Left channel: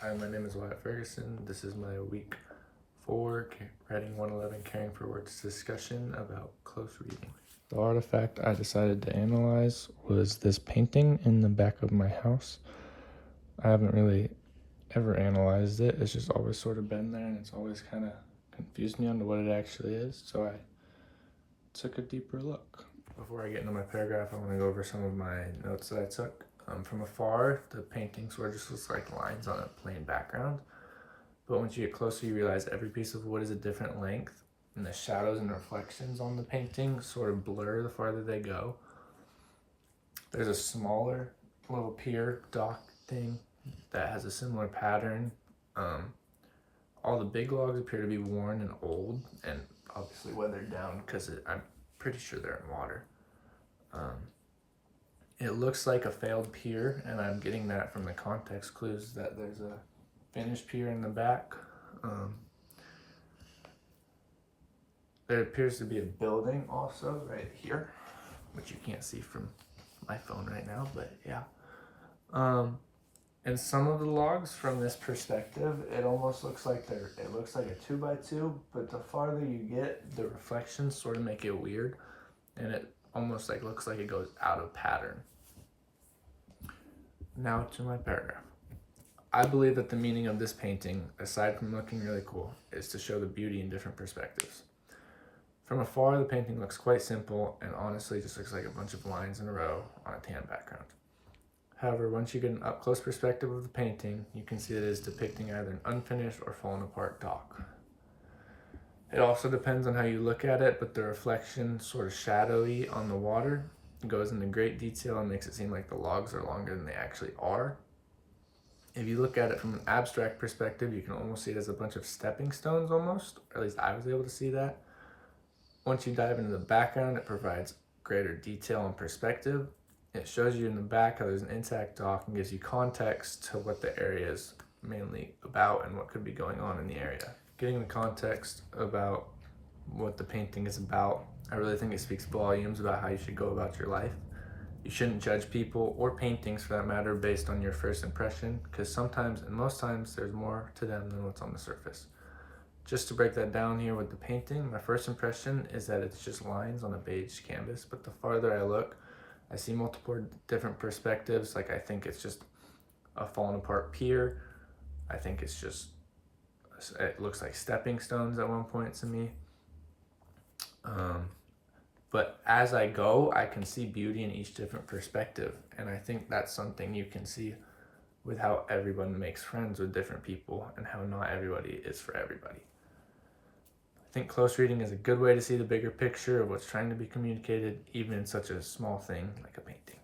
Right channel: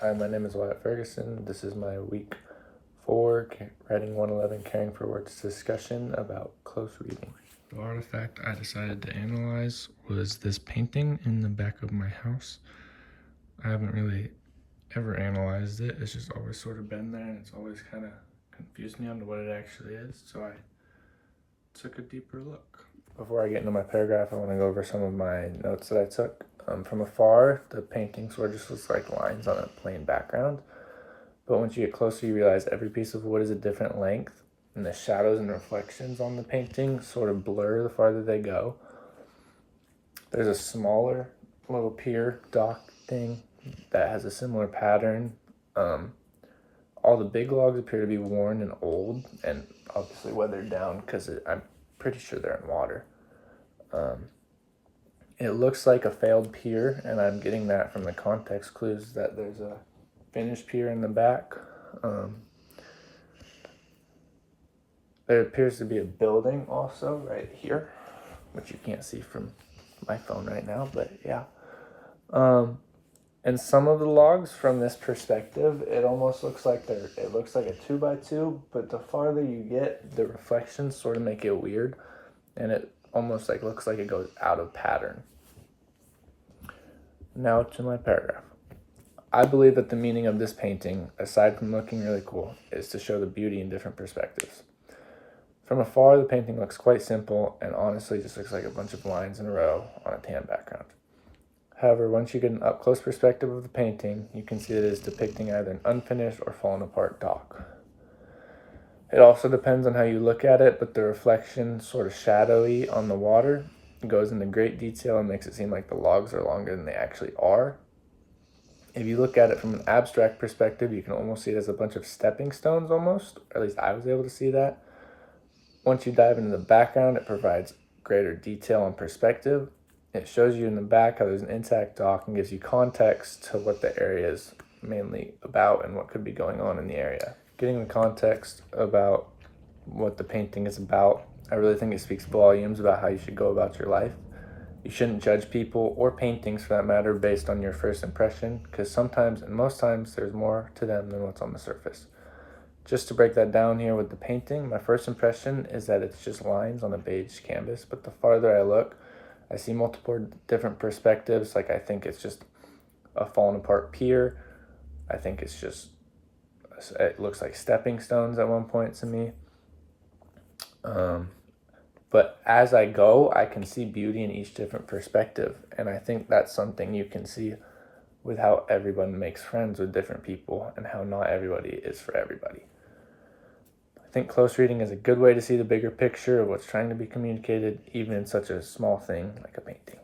Hi, my name is Wyatt Ferguson. This is my week 4 writing 111 caring for words discussion about close reading. The artifact I decided to analyze was this painting in the back of my house. I haven't really ever analyzed it. It's just always sort of been there, and it's always kind of confused me on what it actually is, so I took a deeper look. Before I get into my paragraph, I want to go over some of my notes that I took. From afar, the painting sort of just looks like lines on a plain background. But once you get closer, you realize every piece of wood is a different length, and the shadows and reflections on the painting sort of blur the farther they go. There's a smaller little pier dock thing that has a similar pattern. All the big logs appear to be worn and old, and obviously weathered down because I'm pretty sure they're in water. It looks like a failed pier, and I'm getting that from the context clues that there's a finished pier in the back. There appears to be a building also right here, which you can't see from my phone right now, but yeah. And some of the logs from this perspective, it almost looks like it looks like a 2x2, but the farther you get, the reflections sort of make it weird, and it almost like looks like it goes out of pattern. Now to my paragraph. I believe that the meaning of this painting, aside from looking really cool, is to show the beauty in different perspectives. From afar, the painting looks quite simple and honestly just looks like a bunch of lines in a row on a tan background. However, once you get an up-close perspective of the painting, you can see that it is depicting either an unfinished or fallen apart dock. It also depends on how you look at it, but the reflection, sort of shadowy on the water, goes into great detail and makes it seem like the logs are longer than they actually are. If you look at it from an abstract perspective, you can almost see it as a bunch of stepping stones almost, or at least I was able to see that. Once you dive into the background, it provides greater detail and perspective. It shows you in the back how there's an intact dock and gives you context to what the area is mainly about and what could be going on in the area. Getting the context about what the painting is about, I really think it speaks volumes about how you should go about your life. You shouldn't judge people or paintings for that matter based on your first impression, because sometimes and most times there's more to them than what's on the surface. Just to break that down here with the painting, my first impression is that it's just lines on a beige canvas, but the farther I look, I see multiple different perspectives. Like I think it's just a fallen apart pier. I think it looks like stepping stones at one point to me. But as I go, I can see beauty in each different perspective. And I think that's something you can see with how everyone makes friends with different people and how not everybody is for everybody. I think close reading is a good way to see the bigger picture of what's trying to be communicated, even in such a small thing like a painting.